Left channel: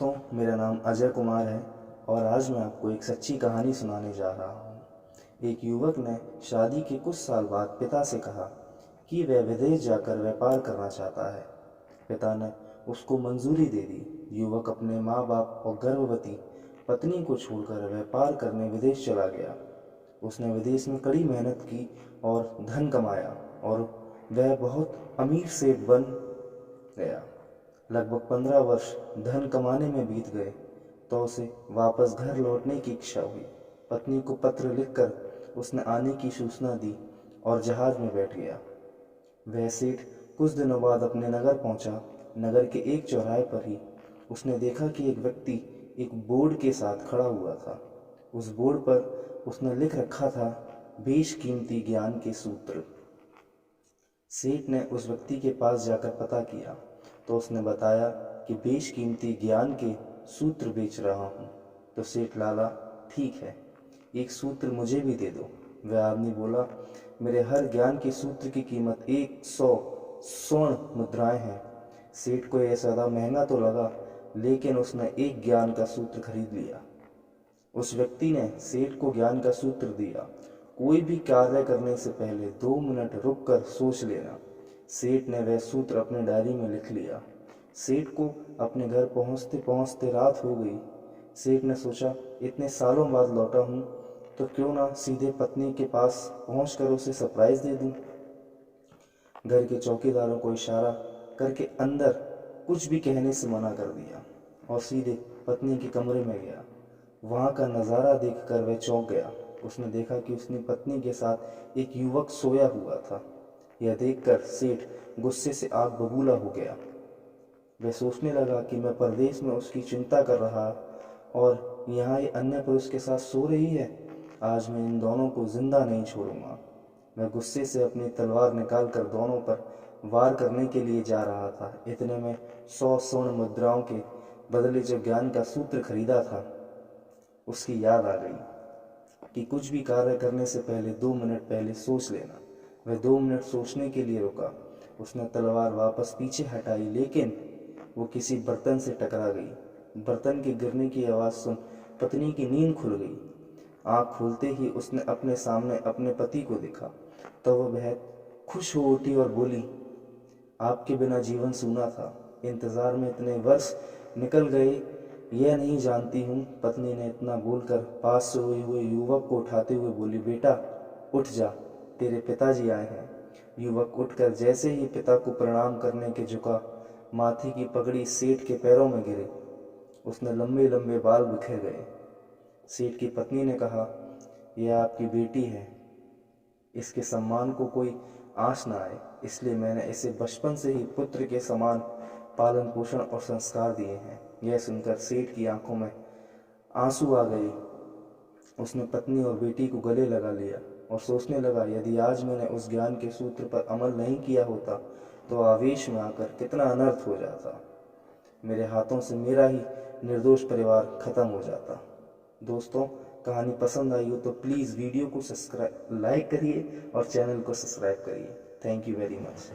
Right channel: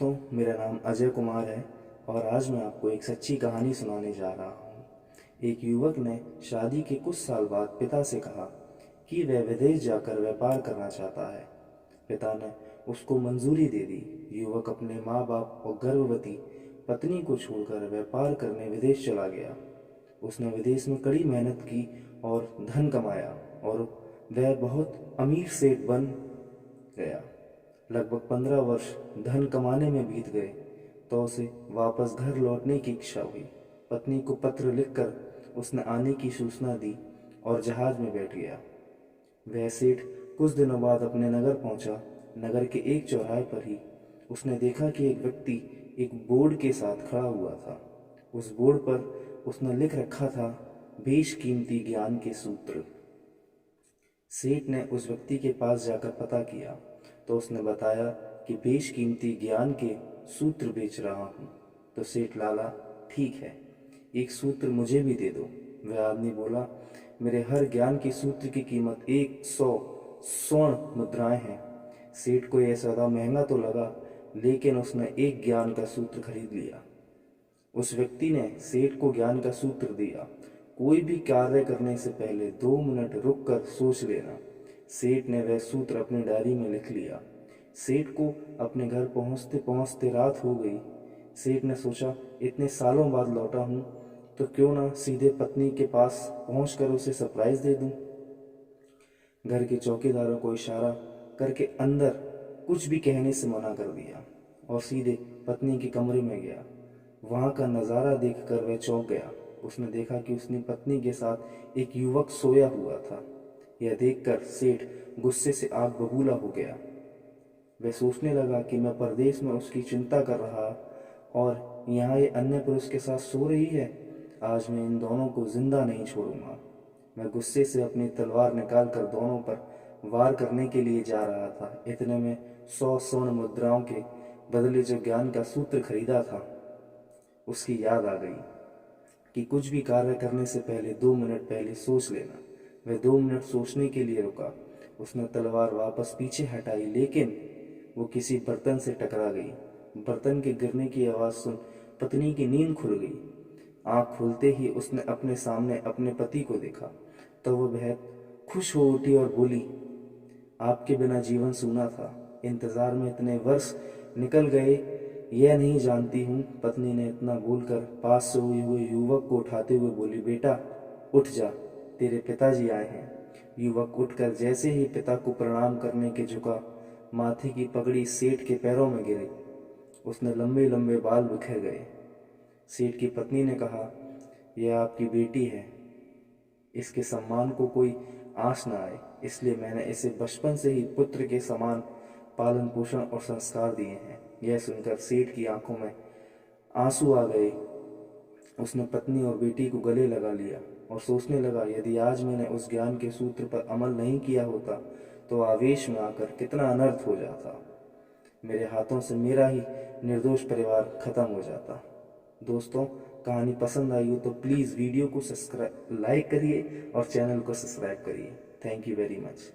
दोस्तों, मेरा नाम अजय कुमार है और आज मैं आपको एक सच्ची कहानी सुनाने जा रहा हूँ। एक युवक ने शादी के कुछ साल बाद पिता से कहा कि वह विदेश जाकर व्यापार करना चाहता है। पिता ने उसको मंजूरी दे दी। युवक अपने माँ बाप और गर्भवती पत्नी को छोड़कर व्यापार करने विदेश चला गया। उसने विदेश में कड़ी मेहनत की और धन कमाया और वह बहुत अमीर सेठ बन गया। लगभग 15 वर्ष धन कमाने में बीत गए तो उसे वापस घर लौटने की इच्छा हुई। पत्नी को पत्र लिखकर उसने आने की सूचना दी और जहाज में बैठ गया। वह सेठ कुछ दिनों बाद अपने नगर पहुंचा। नगर के एक चौराहे पर ही उसने देखा कि एक व्यक्ति एक बोर्ड के साथ खड़ा हुआ था। उस बोर्ड पर उसने लिख रखा था, बेशकीमती ज्ञान के सूत्र। सेठ ने उस व्यक्ति के पास जाकर पता किया तो उसने बताया कि बेशकीमती ज्ञान के सूत्र बेच रहा हूँ। तो सेठ लाला, ठीक है, एक सूत्र मुझे भी दे दो। वह आदमी बोला, मेरे हर ज्ञान के सूत्र की कीमत 100 स्वर्ण मुद्राएं हैं। सेठ को यह सौदा महंगा तो लगा, लेकिन उसने एक ज्ञान का सूत्र खरीद लिया। उस व्यक्ति ने सेठ को ज्ञान का सूत्र दिया, कोई भी कार्य करने से पहले 2 मिनट रुककर सोच लेना। सेठ ने वह सूत्र अपनी डायरी में लिख लिया। सेठ को अपने घर पहुंचते पहुंचते रात हो गई। सेठ ने सोचा, इतने सालों बाद लौटा हूं तो क्यों ना सीधे पत्नी के पास पहुंचकर उसे सरप्राइज दे दूं। घर के चौकीदारों को इशारा करके अंदर कुछ भी कहने से मना कर दिया और सीधे पत्नी के कमरे में गया। वहां का नज़ारा देखकर वह चौंक गया। उसने देखा कि उसकी पत्नी के साथ एक युवक सोया हुआ था। यह देखकर सेठ गुस्से से आग बबूला हो गया। वह सोचने लगा कि मैं परदेश में उसकी चिंता कर रहा और यहाँ ये अन्य पुरुष के साथ सो रही है। आज मैं इन दोनों को जिंदा नहीं छोड़ूंगा। मैं गुस्से से अपनी तलवार निकालकर दोनों पर वार करने के लिए जा रहा था। इतने में 100 स्वर्ण मुद्राओं के बदले जो ज्ञान का सूत्र खरीदा था, उसकी याद आ गई कि कुछ भी कार्य करने से पहले 2 मिनट पहले सोच लेना। वह 2 मिनट सोचने के लिए रुका। उसने तलवार वापस पीछे हटाई, लेकिन वो किसी बर्तन से टकरा गई। बर्तन के गिरने की आवाज़ सुन पत्नी की नींद खुल गई। आँख खुलते ही उसने अपने सामने अपने पति को देखा तो वह बेहद खुश हो उठी और बोली, आपके बिना जीवन सूना था। इंतज़ार में इतने वर्ष निकल गए, यह नहीं जानती हूँ। पत्नी ने इतना बोलकर पास से सोए हुए युवक को उठाते हुए बोली, बेटा उठ जा, तेरे पिताजी आए हैं। युवक उठकर जैसे ही पिता को प्रणाम करने के झुका, माथे की पगड़ी सेठ के पैरों में गिरी। उसने लंबे लंबे बाल बिखर गए। सेठ की पत्नी ने कहा, यह आपकी बेटी है, इसके सम्मान को कोई आँच न आए, इसलिए मैंने इसे बचपन से ही पुत्र के समान पालन पोषण और संस्कार दिए हैं। यह सुनकर सेठ की आंखों में आंसू आ गए। उसने पत्नी और बेटी को गले लगा लिया और सोचने लगा, यदि आज मैंने उस ज्ञान के सूत्र पर अमल नहीं किया होता तो आवेश में आकर कितना अनर्थ हो जाता। मेरे हाथों से मेरा ही निर्दोष परिवार खत्म हो जाता। दोस्तों, कहानी पसंद आई हो तो प्लीज़ वीडियो को लाइक करिए और चैनल को सब्सक्राइब करिए। Thank you very much.